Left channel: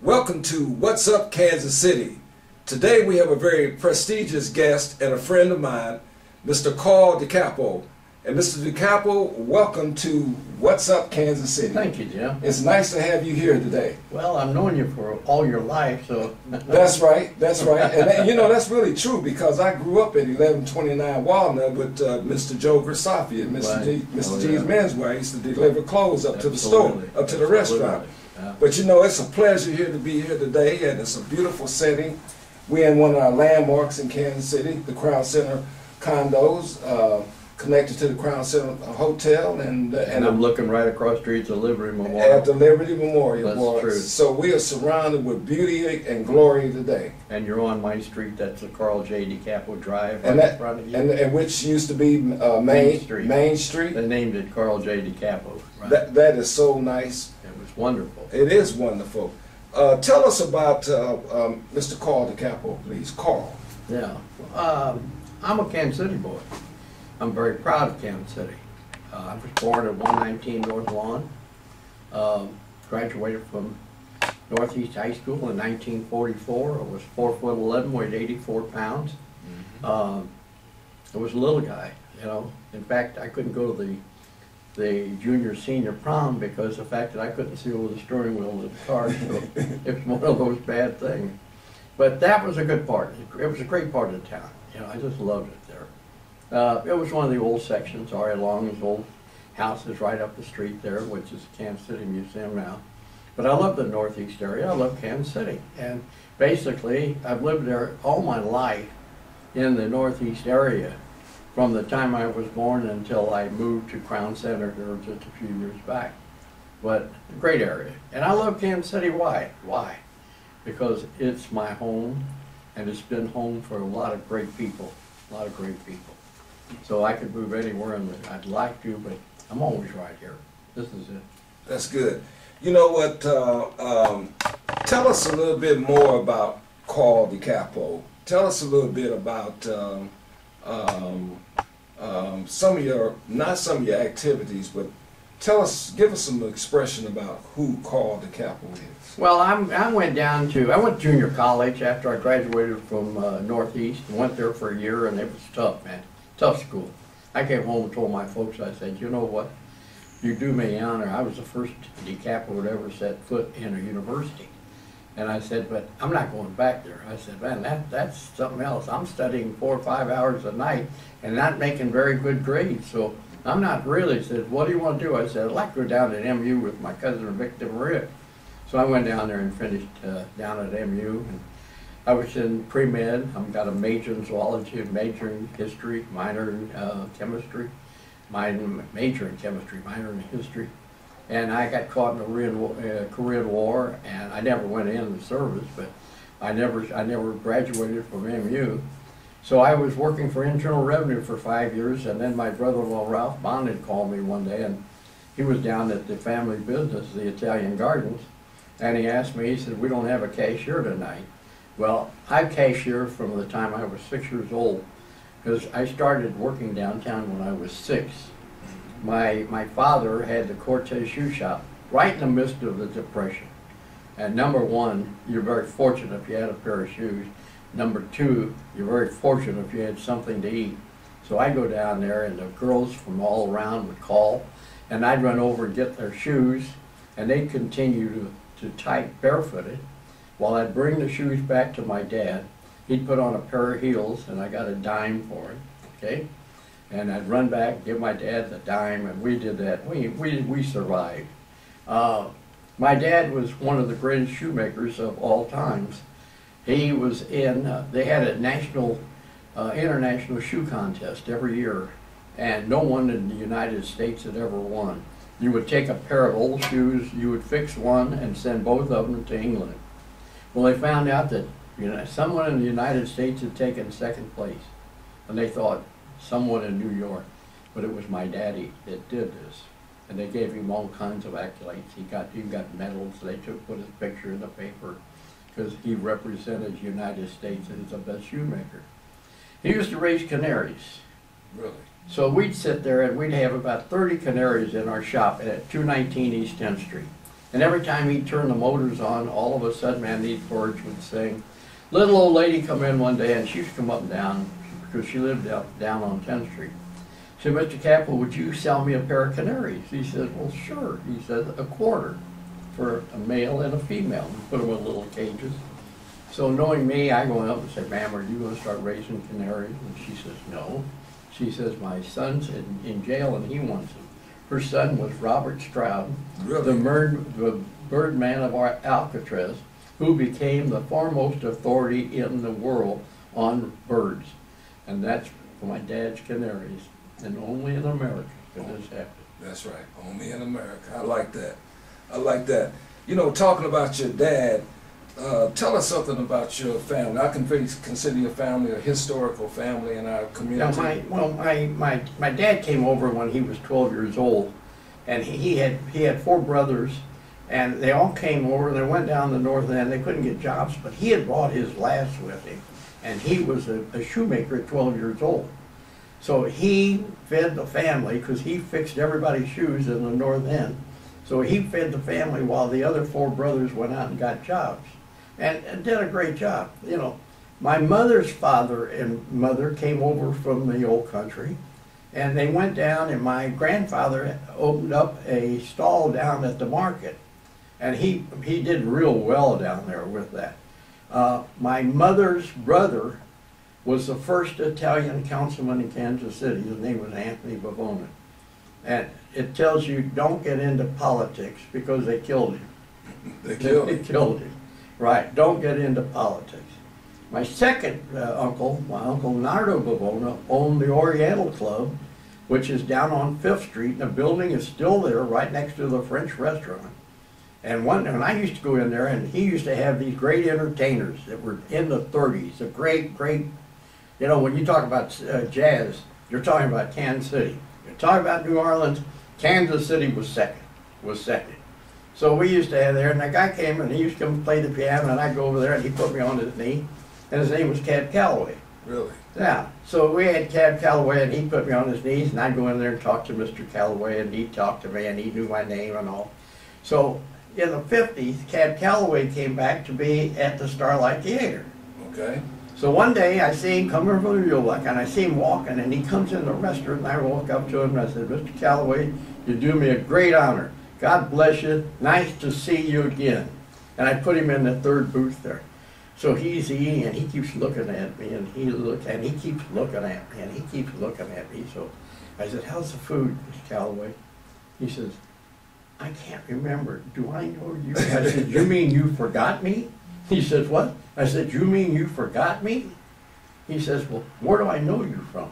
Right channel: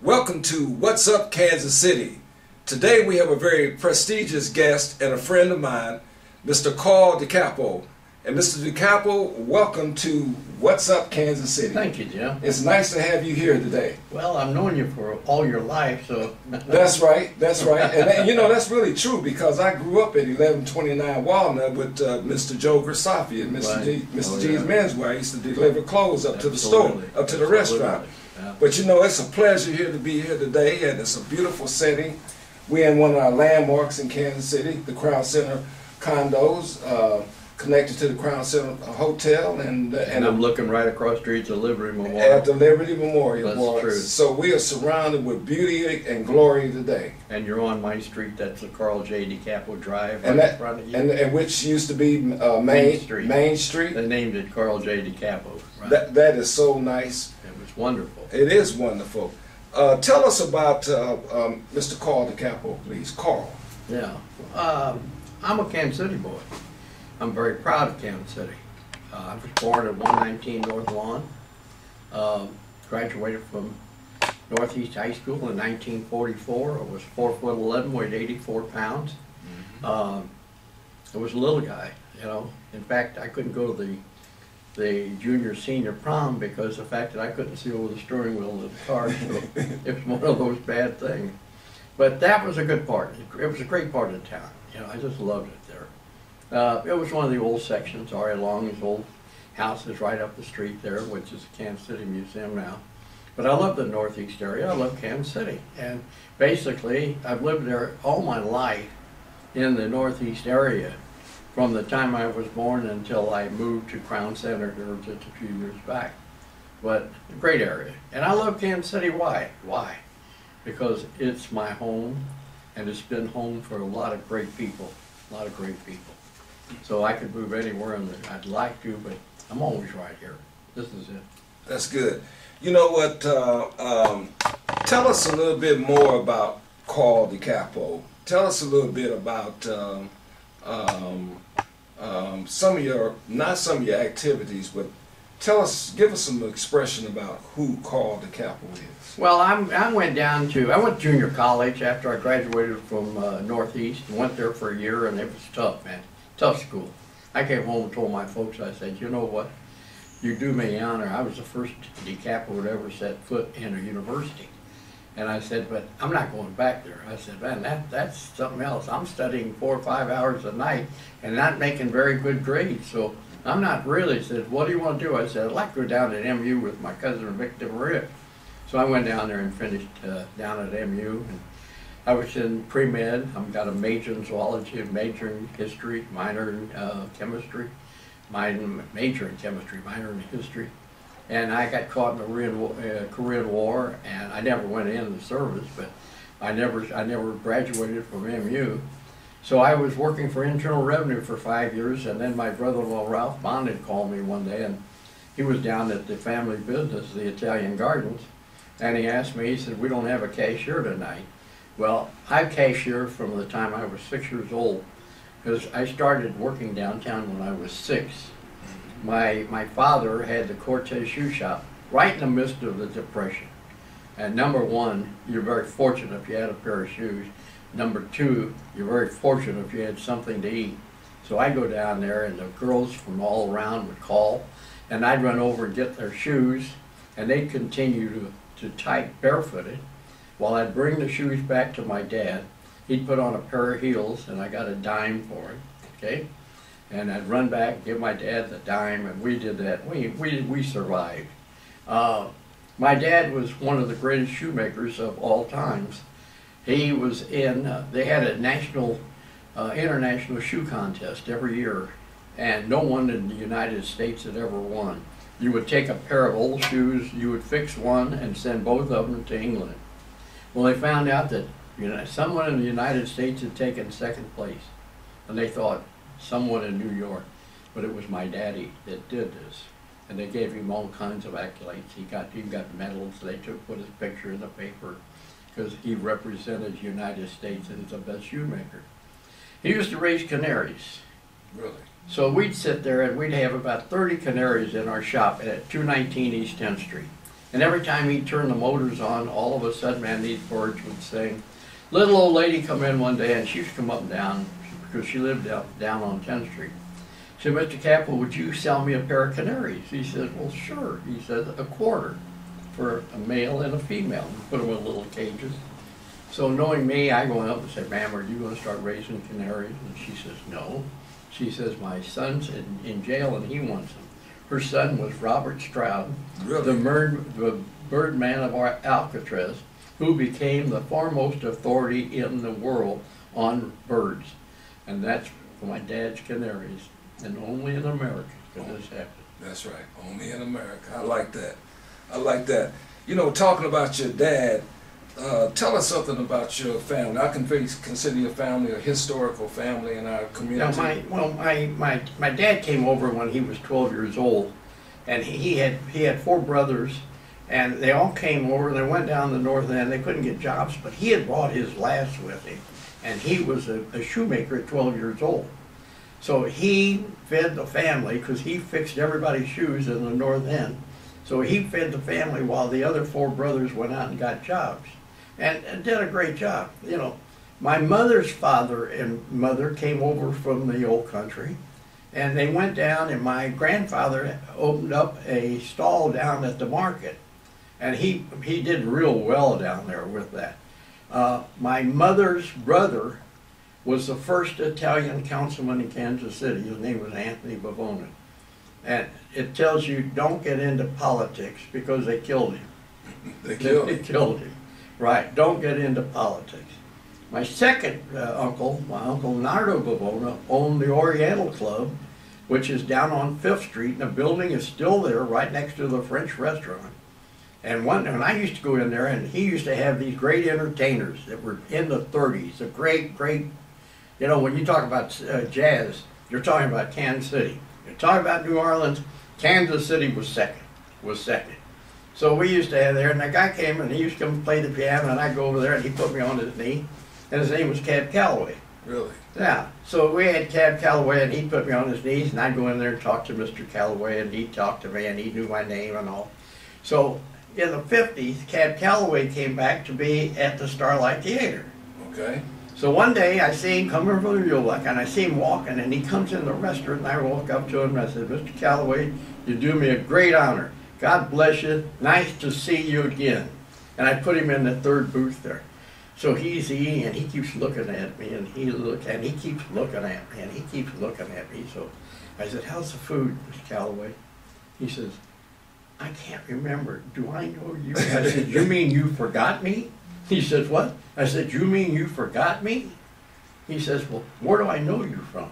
Welcome to What's Up Kansas City. Today we have a very prestigious guest and a friend of mine, Mr. Carl DiCapo. And Mr. DiCapo, welcome to What's Up Kansas City. Thank you, Jim. It's nice to have you here today. Well, I've known you for all your life, so... That's right, that's right. And you know, that's really true because I grew up at 1129 Walnut with Mr. Joe Grisafi and Mr. G's Menswear. I used to deliver clothes up to the store, up to the restaurant. Yeah. But you know, it's a pleasure here to be here today, and it's a beautiful setting. We're in one of our landmarks in Kansas City, the Crown Center condos, connected to the Crown Center Hotel, and I'm looking right across the street to Liberty Memorial. At the Liberty Memorial. That's true. So we are surrounded with beauty and glory today. And you're on my street. That's the Carl J. DiCapo Drive, and right in front of you. And which used to be Main Street. Main Street. They named it Carl J. DiCapo. Right. That is so nice. It was wonderful. It is wonderful. Tell us about Mr. Carl DiCapo, please. Carl. Yeah. I'm a Kansas City boy. I'm very proud of Kansas City. I was born at 119 North Lawn. Graduated from Northeast High School in 1944. I was 4'11", weighed 84 pounds. I was a little guy, you know. In fact, I couldn't go to the junior senior prom because of the fact that I couldn't see over the steering wheel of the car. So it was one of those bad things. But that was a good part. It was a great part of the town. You know, I just loved it there. It was one of the old sections. R.A. Long's old house is right up the street there, which is the Kansas City Museum now. But I love the Northeast area. I love Kansas City. And basically, I've lived there all my life in the Northeast area from the time I was born until I moved to Crown Center just a few years back. But a great area. And I love Kansas City. Why? Why? Because it's my home, and it's been home for a lot of great people. A lot of great people. So I could move anywhere I'd like to, but I'm always right here. This is it. That's good. You know what? Tell us a little bit more about Carl DiCapo. Tell us a little bit about some of your, not some of your activities, but give us some expression about who Carl DiCapo is. Well, I went to junior college after I graduated from Northeast, and went there for a year, and it was tough, man. Tough school. I came home and told my folks, I said, you know what, you do me honor. I was the first DiCapo that ever set foot in a university. And I said, but I'm not going back there. I said, man, that's something else. I'm studying 4 or 5 hours a night and not making very good grades. So I'm not really. He said, what do you want to do? I said, I'd like to go down to MU with my cousin Victor Maria. So I went down there and finished down at MU. And I was in pre-med. I've got a major in zoology, a major in history, minor in chemistry, major in chemistry, minor in history. And I got caught in the Korean War, and I never went in the service, but I never graduated from MU. So I was working for Internal Revenue for 5 years, and then my brother-in-law Ralph Bond called me one day, and he was down at the family business, the Italian Gardens, and he asked me, he said, we don't have a cashier tonight. Well, I cashiered from the time I was 6 years old, because I started working downtown when I was 6. My father had the Cortez shoe shop right in the midst of the Depression. And number one, you're very fortunate if you had a pair of shoes. Number two, you're very fortunate if you had something to eat. So I'd go down there, and the girls from all around would call, and I'd run over and get their shoes, and they'd continue to type barefooted, while I'd bring the shoes back to my dad. He'd put on a pair of heels, and I got a dime for it, okay? And I'd run back, give my dad the dime, and we did that. We survived. My dad was one of the greatest shoemakers of all times. He was in, they had a national, international shoe contest every year, and no one in the United States had ever won. You would take a pair of old shoes, you would fix one and send both of them to England. Well, they found out that someone in the United States had taken second place, and they thought someone in New York, but it was my daddy that did this. And they gave him all kinds of accolades. He got medals. They put his picture in the paper because he represented the United States as the best shoemaker. He used to raise canaries. Really? So we'd sit there and we'd have about 30 canaries in our shop at 219 East 10th Street. And every time he'd turn the motors on, all of a sudden, man, these birds would sing. Little old lady come in one day, and she used to come up and down, because she lived down on 10th Street. She said, Mr. Capel, would you sell me a pair of canaries? He said, well, sure. He said, a quarter for a male and a female. We put them in little cages. So knowing me, I go up and say, ma'am, are you going to start raising canaries? And she says, no. She says, my son's in jail and he wants them. Her son was Robert Stroud, Really? the birdman of Alcatraz, who became the foremost authority in the world on birds. And that's for my dad's canaries. And only in America could this happen. That's right. Only in America. I like that. I like that. You know, talking about your dad, tell us something about your family. I can consider your family a historical family in our community. Now, my dad came over when he was 12 years old, and he had 4 brothers, and they all came over. They went down the north end. They couldn't get jobs, but he had brought his lass with him, and he was a shoemaker at 12 years old. So he fed the family because he fixed everybody's shoes in the north end. So he fed the family while the other 4 brothers went out and got jobs, and did a great job. You know, my mother's father and mother came over from the old country, and they went down, and my grandfather opened up a stall down at the market, and he did real well down there with that. My mother's brother was the first Italian councilman in Kansas City. His name was Anthony Bavona. And it tells you don't get into politics because they killed him. They killed him. Right, don't get into politics. My second uncle, my uncle Nardo Bavona, owned the Oriental Club, which is down on 5th Street, and the building is still there right next to the French restaurant. And when I used to go in there, and he used to have these great entertainers that were in the 30s, a great, you know, when you talk about jazz, you're talking about Kansas City. You're talking about New Orleans, Kansas City was second. So we used to have there, and the guy came, and he used to come play the piano, and I'd go over there, and he'd put me on his knee, and his name was Cab Calloway. Really? Yeah. So we had Cab Calloway, and he'd put me on his knees, and I'd go in there and talk to Mr. Calloway, and he'd talk to me, and he knew my name and all. So in the 50s, Cab Calloway came back to be at the Starlight Theater. Okay. So one day I see him coming from the Ulec, and I see him walking, and he comes in the restaurant, and I walk up to him, and I said, Mr. Calloway, you do me a great honor. God bless you. Nice to see you again. And I put him in the 3rd booth there. So he's eating, and he keeps looking at me, and he keeps looking at me, and he keeps looking at me. So I said, how's the food, Mr. Calloway? He says, I can't remember. Do I know you? I said, you mean you forgot me? He says, what? I said, you mean you forgot me? He says, well, where do I know you from?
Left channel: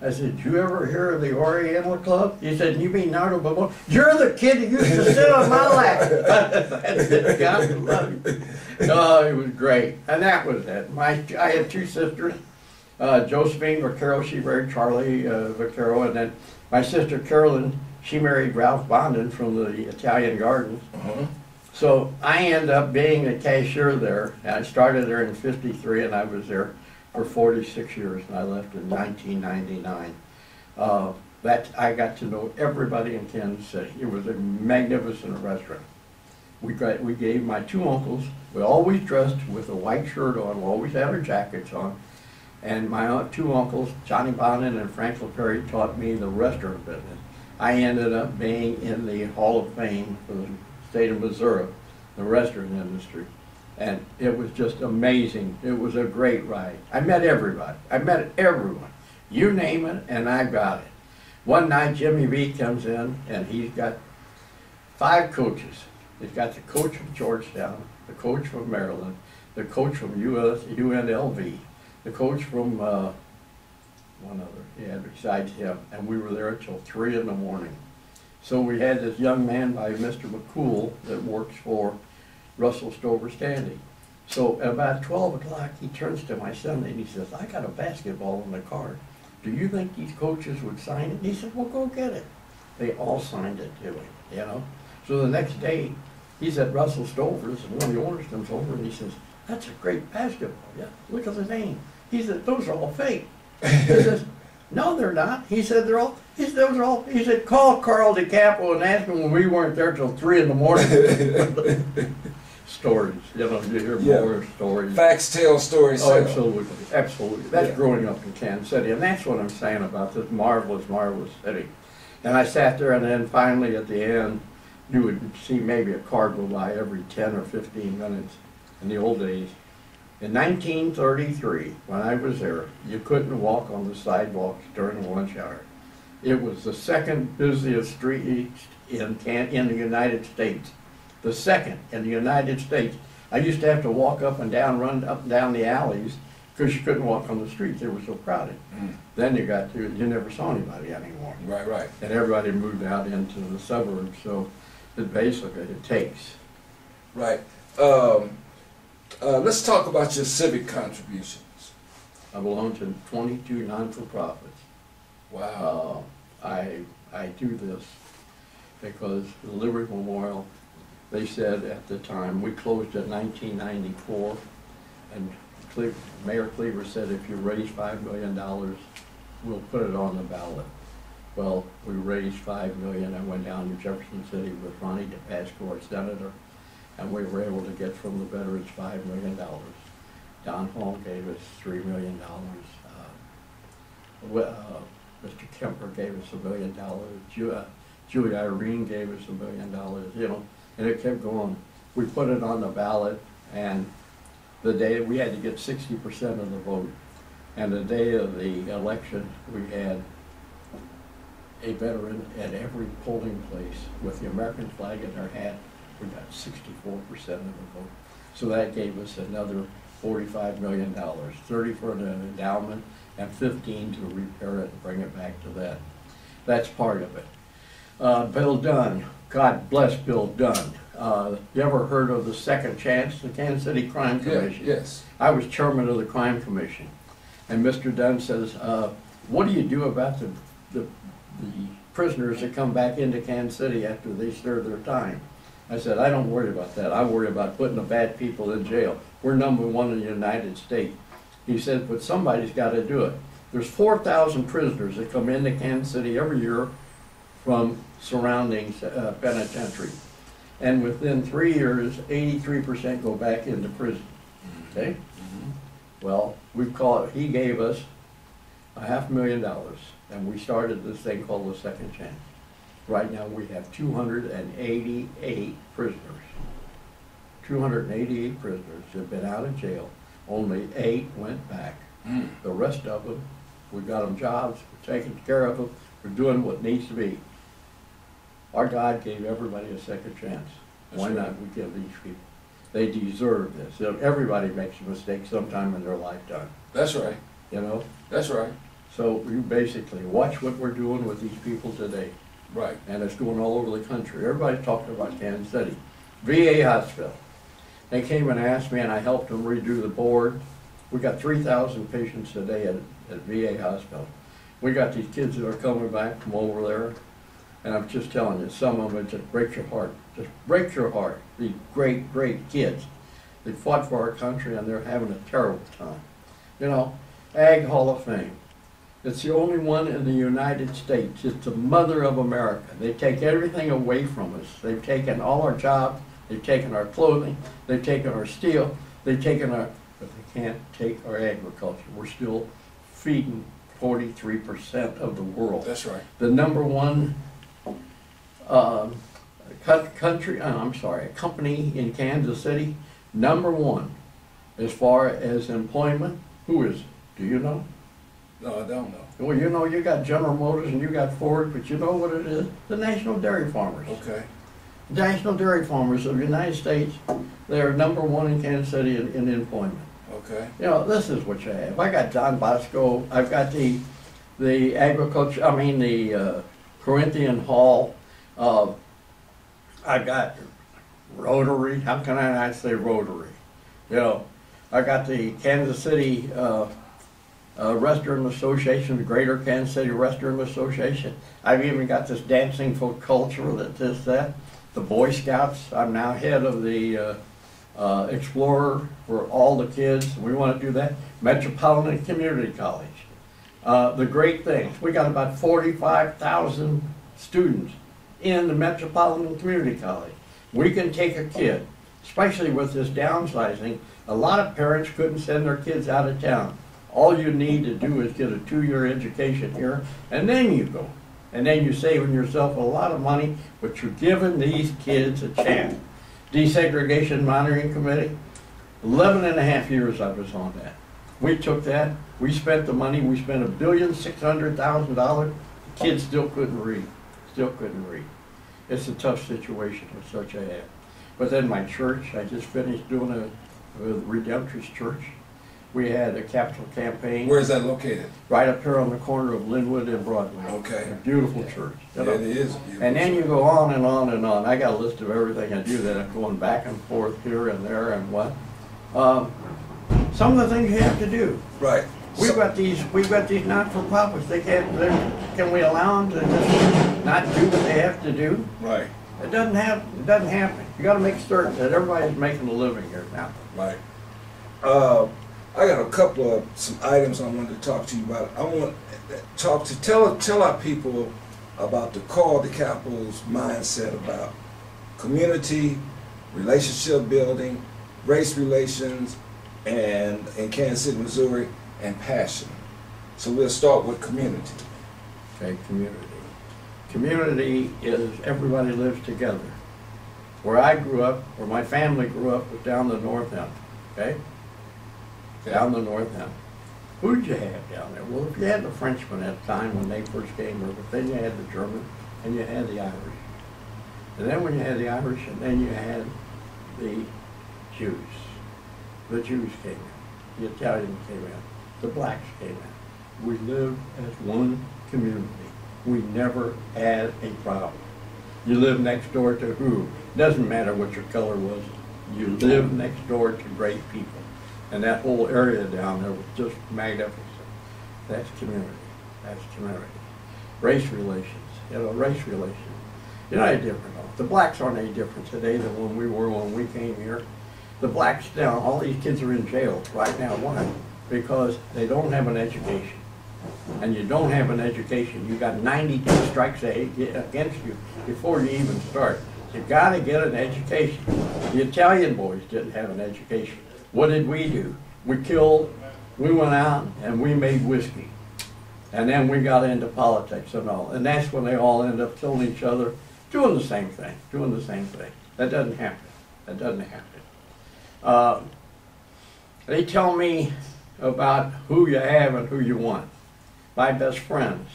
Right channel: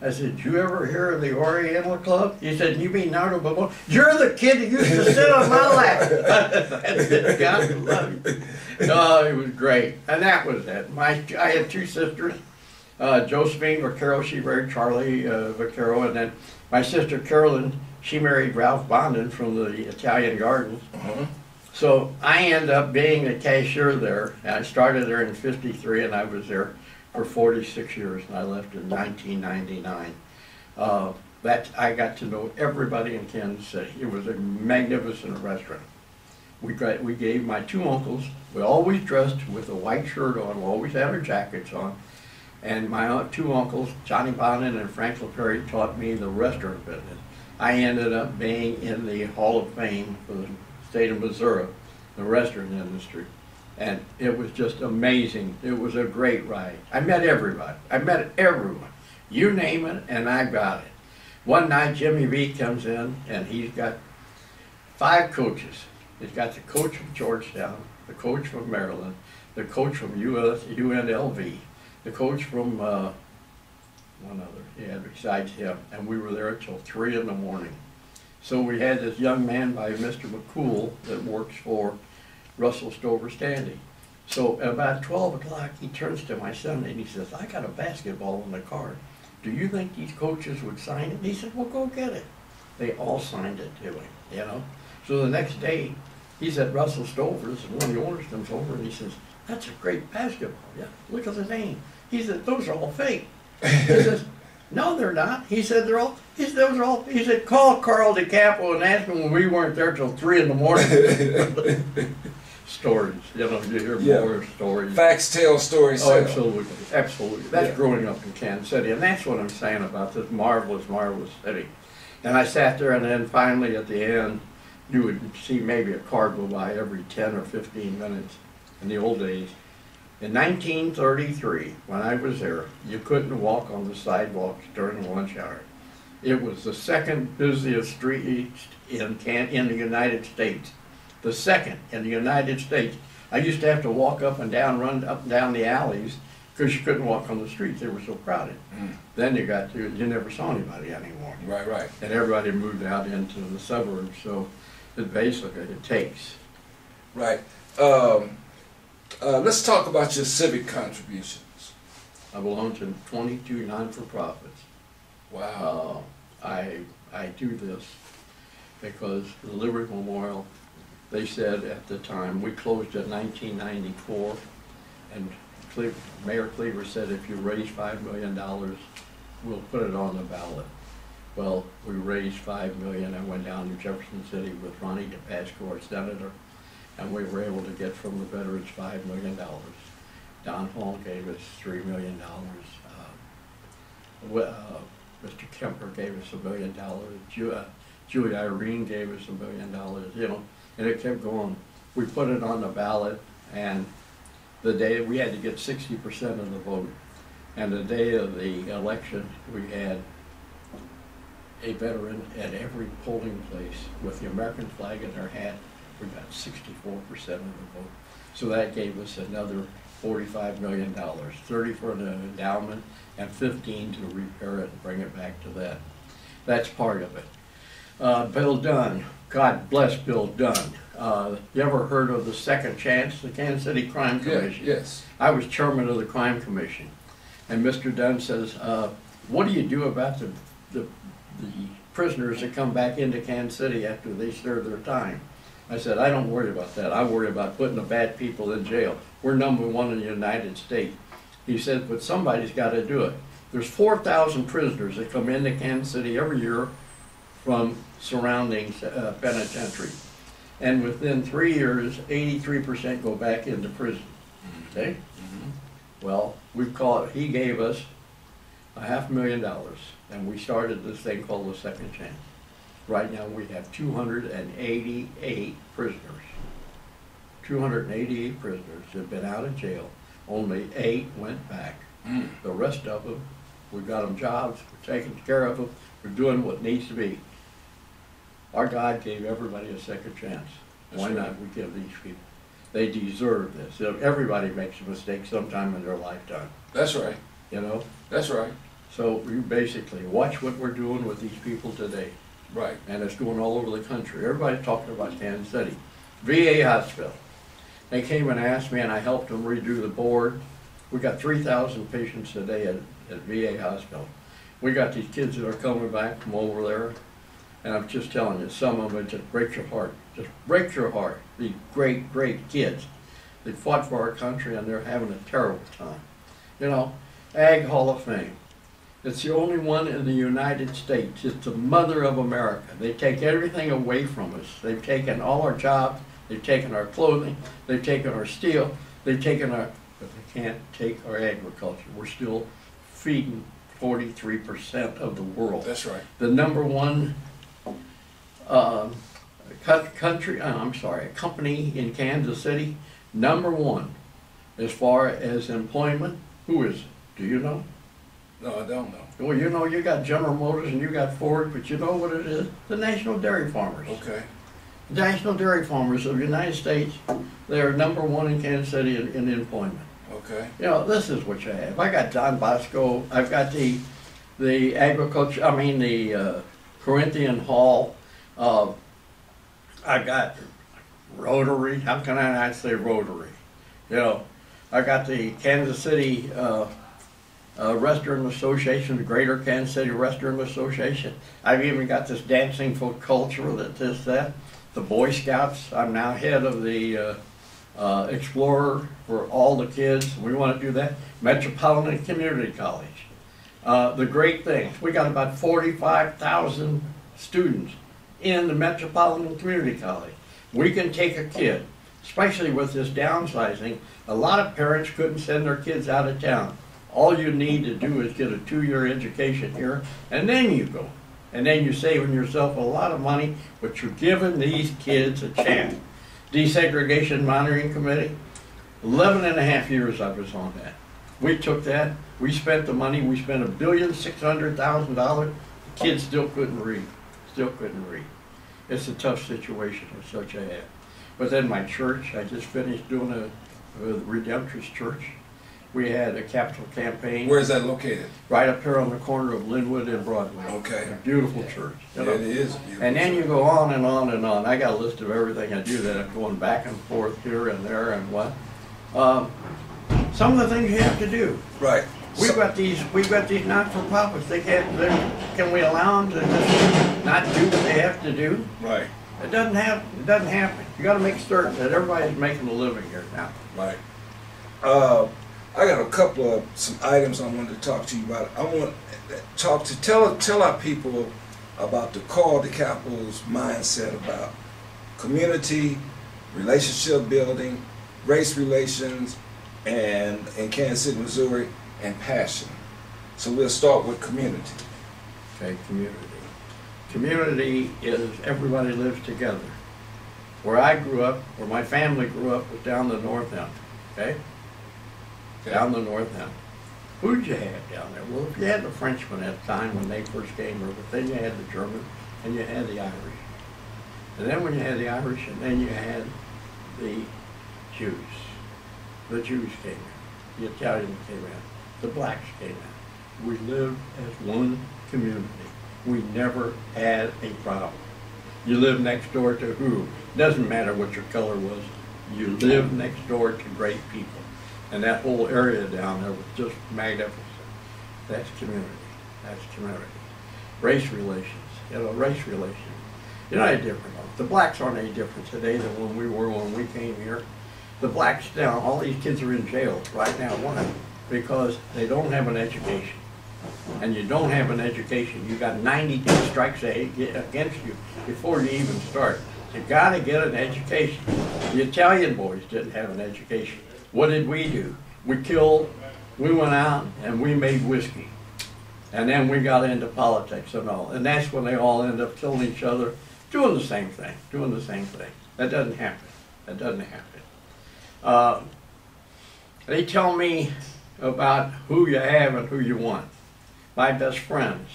I said, did you ever hear of the Oriental Club? He said, you mean Nardo Bavona? You're the kid who used to sit on my lap. That's it, God love you. Oh, it was great. And that was it. I had 2 sisters. Josephine Vaccaro, she married Charlie Vaccaro, and then my sister Carolyn, she married Ralph Bondin from the Italian Gardens. So I ended up being a cashier there. And I started there in '53, and I was there for 46 years, and I left in 1999. I got to know everybody in Kansas City. It was a magnificent restaurant. We gave my 2 uncles, we always dressed with a white shirt on, we always had our jackets on, and my 2 uncles, Johnny Bonin and Frank LaPerry, taught me the restaurant business. I ended up being in the Hall of Fame for the state of Missouri, the restaurant industry. And it was just amazing. It was a great ride. I met everybody. I met everyone. You name it, and I got it. One night, Jimmy V comes in, and he's got 5 coaches. He's got the coach from Georgetown, the coach from Maryland, the coach from UNLV, the coach from one other he had besides him, and we were there until 3 in the morning. So we had this young man by Mr. McCool that works for Russell Stover Standing. So at about 12 o'clock, he turns to my son and he says, I got a basketball in the car. Do you think these coaches would sign it? And he said, well, go get it. They all signed it to him, you know. So the next day, he's at Russell Stover's, and one of the owners comes over and he says, that's a great basketball. Yeah, look at the name. He said, those are all fake. He says, No, they're not. He said they're all. He said those are all. He said call Carl DiCapo and ask him when we weren't there till 3 in the morning. Stories, you know, you hear more stories. Facts tell, stories Oh, tell. absolutely, absolutely. That's growing up in Kansas City, and that's what I'm saying about this marvelous, marvelous city. And I sat there, and then finally at the end, you would see maybe a car go by every 10 or 15 minutes in the old days. In 1933, when I was there, you couldn't walk on the sidewalks during lunch hour. It was the second busiest street in the United States. The second in the United States. I used to have to walk up and down, run up and down the alleys because you couldn't walk on the streets. They were so crowded. Then you never saw anybody anymore. Right, right. And everybody moved out into the suburbs, so it takes. Right. Let's talk about your civic contributions. I belong to 22 non-for-profits. Wow. I do this because the Liberty Memorial, they said at the time, we closed in 1994, and Mayor Cleaver said if you raise $5 million, we'll put it on the ballot. Well, we raised $5 million. I went down to Jefferson City with Ronnie DePasco, our senator, and we were able to get from the veterans $5 million. Don Hall gave us $3 million. Mr. Kemper gave us $1 million. Julie Irene gave us $1 million, you know, and it kept going. We put it on the ballot, and the day we had to get 60% of the vote. And the day of the election, we had a veteran at every polling place with the American flag in their hat. We got 64% of the vote. So that gave us another $45 million, 30 for the endowment and 15 to repair it and bring it back to that. That's part of it. Bill Dunn, God bless Bill Dunn. You ever heard of the Second Chance, the Kansas City Crime Commission? Yes. I was chairman of the Crime Commission. And Mr. Dunn says, what do you do about the prisoners that come back into Kansas City after they serve their time? I said, I don't worry about that. I worry about putting the bad people in jail. We're #1 in the United States. He said, but somebody's got to do it. There's 4,000 prisoners that come into Kansas City every year from surrounding penitentiaries. And within 3 years, 83% go back into prison. Okay? Well, he gave us $500,000, and we started this thing called the Second Chance. Right now we have 288 prisoners. 288 prisoners have been out of jail. Only 8 went back. The rest of them, we've got them jobs, we're taking care of them, we're doing what needs to be. Our God gave everybody a second chance. Why not we give these people? They deserve this. Everybody makes a mistake sometime in their lifetime. That's right. You know? That's right. So you basically watch what we're doing with these people today. Right. And it's going all over the country. Everybody's talking about Kansas City. VA hospital. They came and asked me, and I helped them redo the board. We got 3,000 patients a day at VA hospital. We got these kids that are coming back from over there, and I'm just telling you, some of them just break your heart. Just break your heart. These great, great kids. They fought for our country, and they're having a terrible time. You know, Ag Hall of Fame. It's the only one in the United States. It's the mother of America. They take everything away from us. They've taken all our jobs. They've taken our clothing. They've taken our steel. They've taken but they can't take our agriculture. We're still feeding 43% of the world. That's right. The #1 company in Kansas City, #1 as far as employment. Who is it? Do you know? No, I don't know. Well, you know, you got General Motors and you got Ford, but you know what it is? The National Dairy Farmers. Okay. The National Dairy Farmers of the United States, they're #1 in Kansas City in employment. Okay. You know, this is what you have. I got Don Bosco. I've got the agriculture. I mean the Corinthian Hall. I've got Rotary. How can I not say Rotary? You know, I got the Kansas City Restaurant Association, the Greater Kansas City Restaurant Association. I've even got this dancing for culture that. The Boy Scouts. I'm now head of the Explorer for all the kids. We want to do that. Metropolitan Community College. The great things, we got about 45,000 students in the Metropolitan Community College. We can take a kid, especially with this downsizing. A lot of parents couldn't send their kids out of town. All you need to do is get a 2-year education here, and then you go. And then you're saving yourself a lot of money, but you're giving these kids a chance. Desegregation Monitoring Committee, 11 and a half years I was on that. We took that, we spent the money, we spent $1,600,000. The kids still couldn't read, still couldn't read. It's a tough situation with such a have. But then my church, I just finished doing a Redemptorist Church. We had a capital campaign. Where is that located? Right up here on the corner of Linwood and Broadway. Okay. A beautiful church. Yeah, it is beautiful. And then you go on and on and on. I got a list of everything I do that I'm going back and forth here and there and what. Some of the things you have to do. Right. We've got these not-for-profits. Can we allow them to just not do what they have to do? Right. It doesn't happen. You got to make certain that everybody's making a living here now. Right. I got a couple of some items I wanted to talk to you about. I want to tell our people about the Carl DiCapo's mindset about community, relationship building, race relations, and in Kansas City, Missouri, and passion. So we'll start with community. Okay, community. Community is everybody lives together. Where I grew up, where my family grew up, was down the north end. Okay? Down the north end. Who did you have down there? Well, if you had the Frenchmen at the time when they first came over, then you had the Germans, and you had the Irish. And then when you had the Irish, and then you had the Jews. The Jews came in. The Italians came in. The blacks came in. We lived as one community. We never had a problem. You live next door to who? Doesn't matter what your color was. You live next door to great people. And that whole area down there was just magnificent. That's community. That's community. Race relations. Race relations. You're not any different. The blacks aren't any different today than when we were when we came here. The blacks down, all these kids are in jail right now. Why? Because they don't have an education. And you don't have an education. You got 92 strikes against you before you even start. You got to get an education. The Italian boys didn't have an education. What did we do? We went out and we made whiskey. And then we got into politics and all. And that's when they all ended up killing each other, doing the same thing, That doesn't happen. That doesn't happen. They tell me about who you have and who you want. My best friends,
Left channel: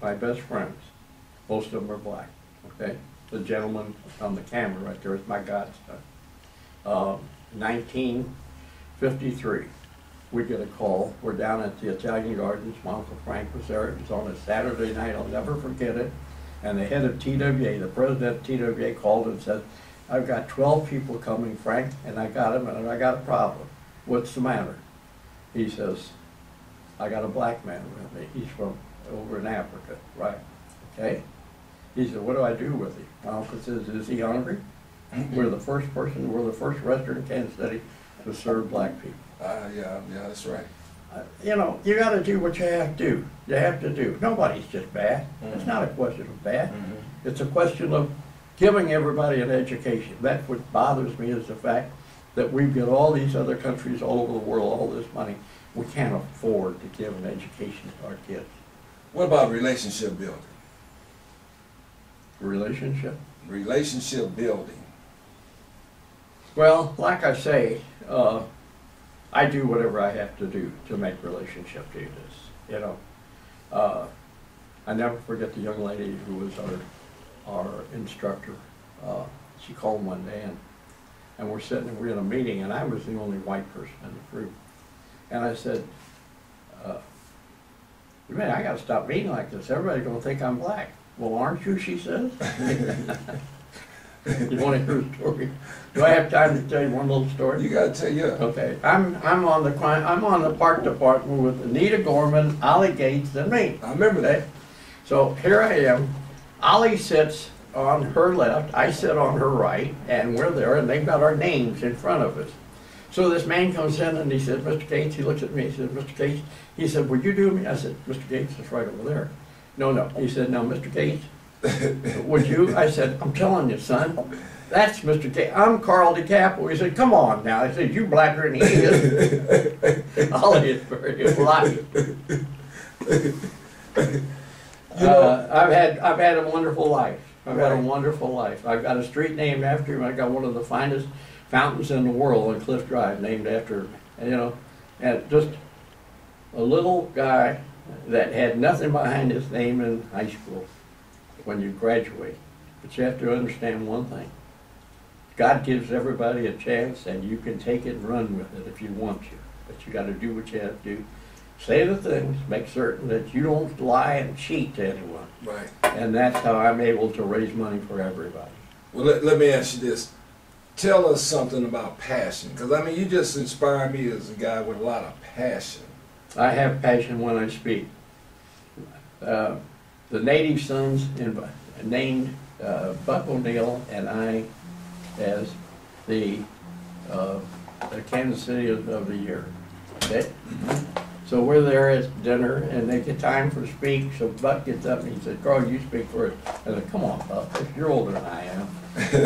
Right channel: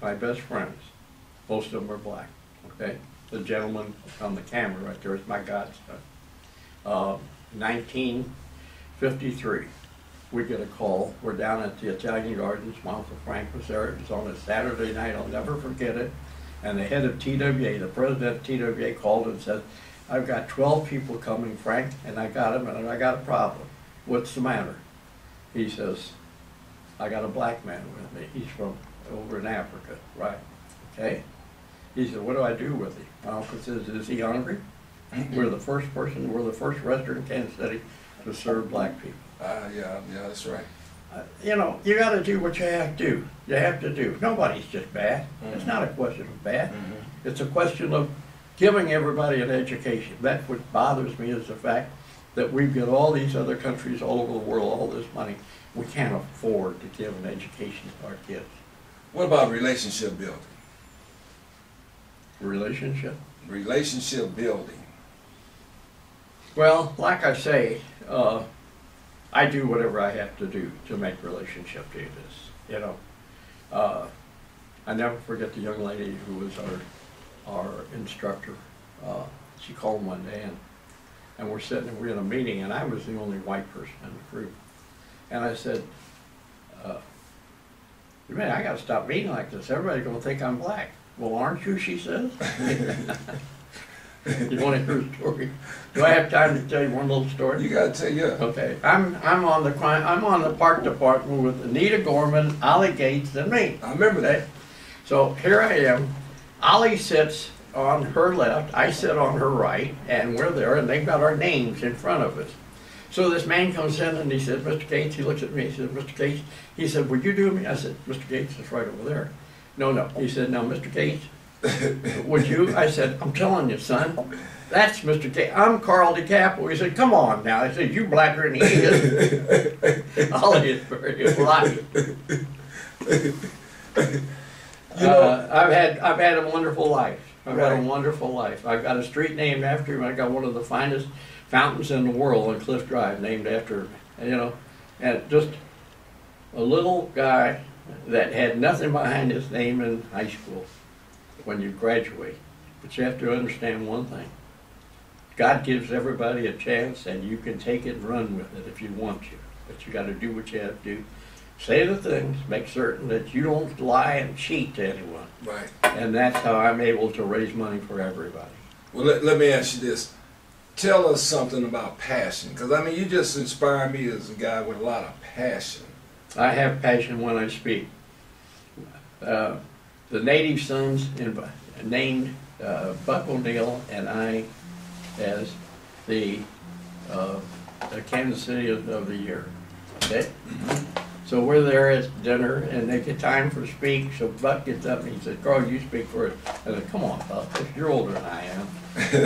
most of them are black, okay? The gentleman on the camera right there is my godson. 1953, we get a call. We're down at the Italian Gardens. My Uncle Frank was there. It was on a Saturday night. I'll never forget it. And the head of TWA, the president of TWA, called and said, I've got 12 people coming, Frank, and I got them, and I got a problem. What's the matter? He says, I got a black man with me. He's from over in Africa, right? Okay? He said, what do I do with him? My uncle says, is he hungry? We're the first restaurant in Kansas City to serve black people. Yeah, that's right. You got to do what you have to do. You have to do. Nobody's just bad. It's not a question of bad. It's a question of giving everybody an education. That's what bothers me, is the fact that we've got all these other countries all over the world, all this money. We can't afford to give an education to our kids. What about relationship building? Relationship? Relationship building. Well, like I say, I do whatever I have to do to make relationship do this, I never forget the young lady who was our instructor. She called one day and we're in a meeting, and I was the only white person in the group. And I said, man, I got to stop being like this. Everybody's going to think I'm black. Well, aren't you, she says. You want to hear a story? Do I have time to tell you one little story? You got to tell, yeah. Okay, I'm on the park department with Anita Gorman, Ollie Gates, and me. I remember that. So here I am. Ollie sits on her left, I sit on her right, and we're there, and they've got our names in front of us. So this man comes in and he said, Mr. Gates, he looks at me, he said, Mr. Gates, he said, would you do me? I said, Mr. Gates is right over there. No, no. He said, now, Mr. Gates, would you? I said, I'm telling you, son, that's Mr. Gates. I'm Carl DiCapo. He said, come on now. I said, you blacker than he is. Ollie is very polite. I've had a wonderful life. I've had a wonderful life. I've got a street named after him. I got one of the finest fountains in the world on Cliff Drive named after him. And, you know, and just a little guy that had nothing behind his name in high school when you graduate. But you have to understand one thing. God gives everybody a chance, and you can take it and run with it if you want to. But you got to do what you have to do. Say the things, make certain that you don't lie and cheat to anyone. Right. And that's how I'm able to raise money for everybody. Well, let me ask you this. Tell us something about passion, because I mean, you just inspire me as a guy with a lot of passion. I have passion when I speak. The Native Sons named Buck O'Neill and I as the Kansas City of the Year. Okay? So we're there at dinner, and they get time for speak. So Buck gets up and he said, "Carl, you speak first." I said, "Come on, Buck. You're older than I am.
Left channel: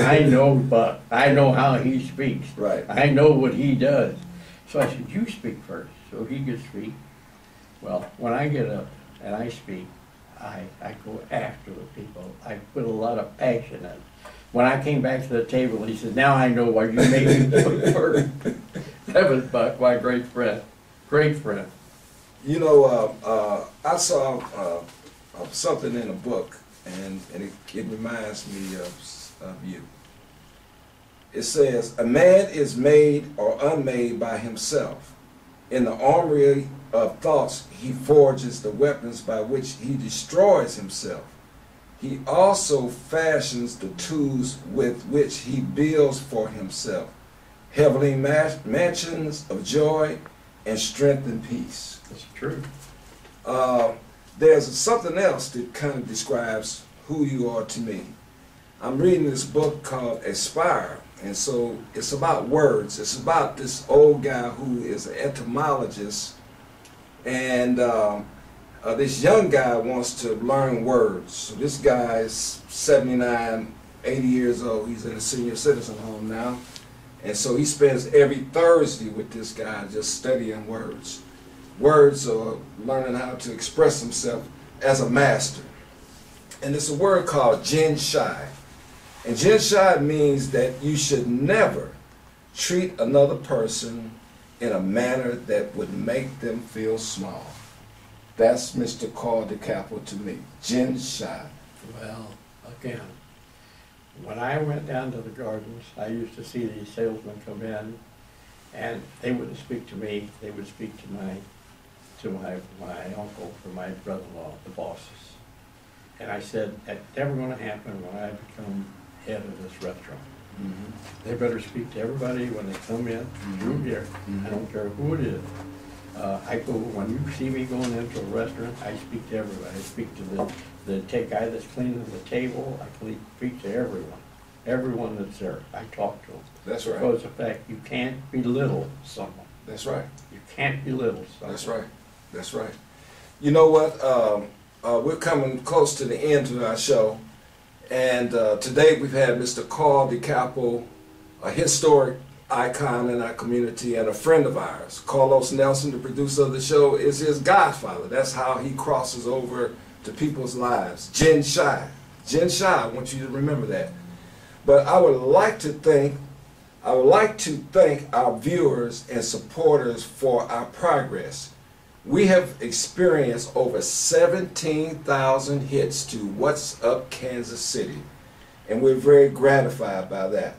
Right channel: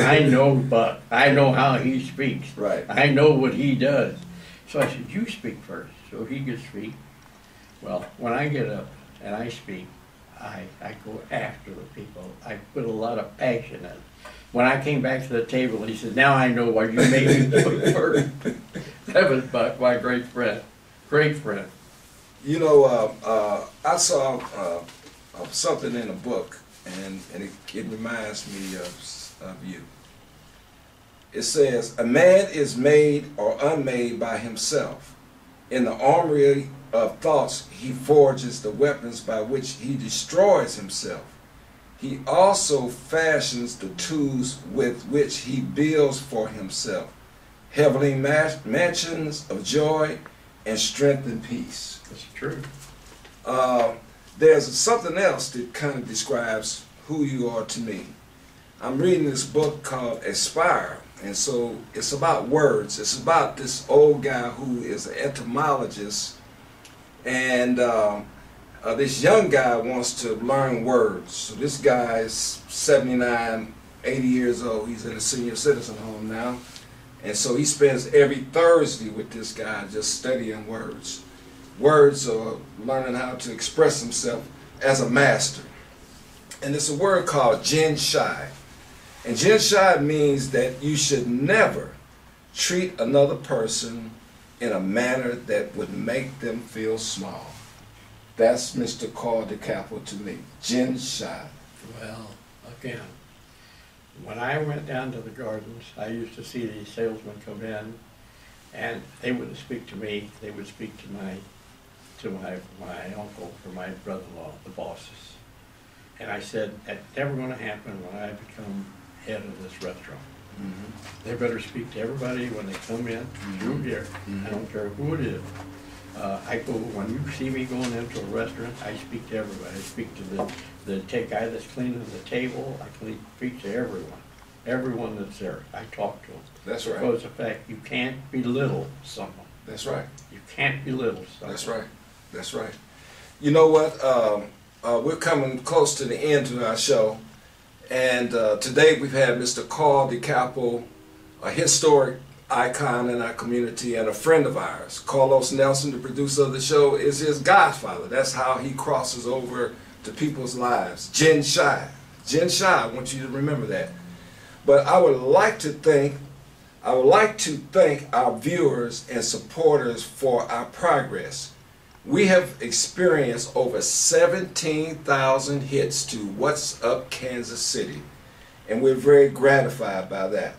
I know Buck. I know how he speaks. Right. I know what he does." So I said, "You speak first." So he could speak. Well, when I get up and I speak, I go after the people. I put a lot of passion in it. When I came back to the table, he said, "Now I know why you made me speak first." That was Buck, my great friend. Great friend. You know, I saw something in a book, and it reminds me of you. It says, "A man is made or unmade by himself. In the armory of thoughts, he forges the weapons by which he destroys himself. He also fashions the tools with which he builds for himself heavenly mansions of joy and strength and peace." That's true. There's something else that kind of describes who you are to me. I'm reading this book called Aspire, and so it's about words. It's about this old guy who is an etymologist, and this young guy wants to learn words. So this guy is 79, 80 years old. He's in a senior citizen home now. And so he spends every Thursday with this guy just studying words. Words are learning how to express himself as a master. And it's a word called Jin Shai. And Jin Shai means that you should never treat another person in a manner that would make them feel small. That's Mr. Carl DiCapo to me. Jin Shai. Well, again, when I went down to the gardens, I used to see these salesmen come in, and they wouldn't speak to me. They would speak to my uncle or my brother-in-law, the bosses. And I said, that's never going to happen when I become head of this restaurant. Mm-hmm. They better speak to everybody when they come in through here. Mm-hmm. I don't care who it is. I go, when you see me going into a restaurant, I speak to everybody. I speak to the guy that's cleaning the table. I speak to everyone that's there. I talk to them. That's right. Because the fact you can't belittle someone. That's right. You can't belittle someone. That's right. That's right. You know what? We're coming close to the end of our show, and today we've had Mr. Carl DiCapo, a historic icon in our community and a friend of ours. Carlos Nelson, the producer of the show, is his godfather. That's how he crosses over to people's lives. Jin Shai. Jin Shai, I want you to remember that. But I would like to thank our viewers and supporters for our progress. We have experienced over 17,000 hits to What's Up Kansas City, and we're very gratified by that.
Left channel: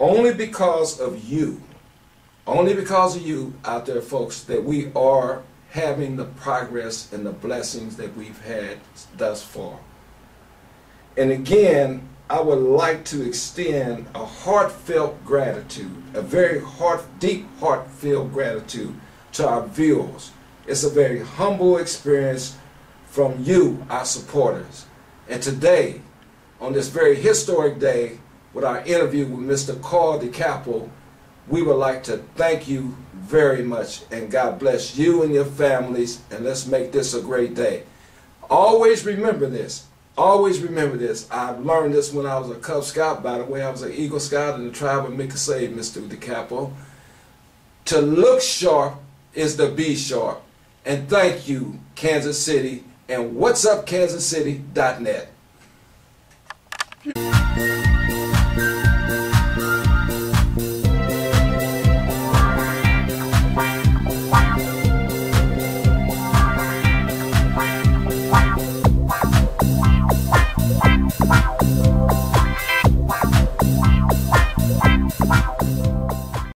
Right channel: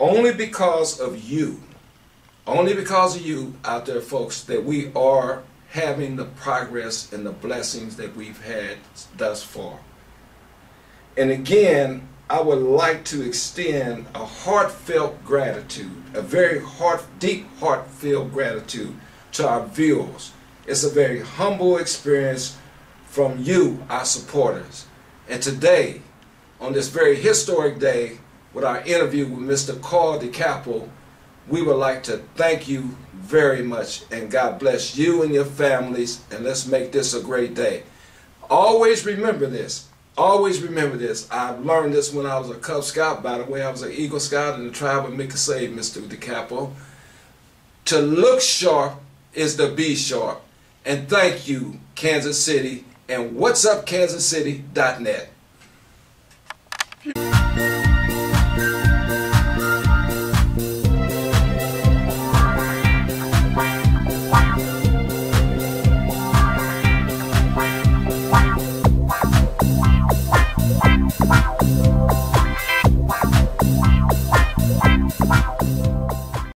Only because of you out there, folks, that we are having the progress and the blessings that we've had thus far. And again, I would like to extend a heartfelt gratitude, a very deep heartfelt gratitude to our viewers. It's a very humble experience from you, our supporters. And today, on this very historic day, with our interview with Mr. Carl DiCapo, we would like to thank you very much, and God bless you and your families, and let's make this a great day. Always remember this. Always remember this. I learned this when I was a Cub Scout. By the way, I was an Eagle Scout in the tribe of Mickasay, Mr. DiCapo. To look sharp is to be sharp. And thank you, Kansas City, and whatsupkansascity.net.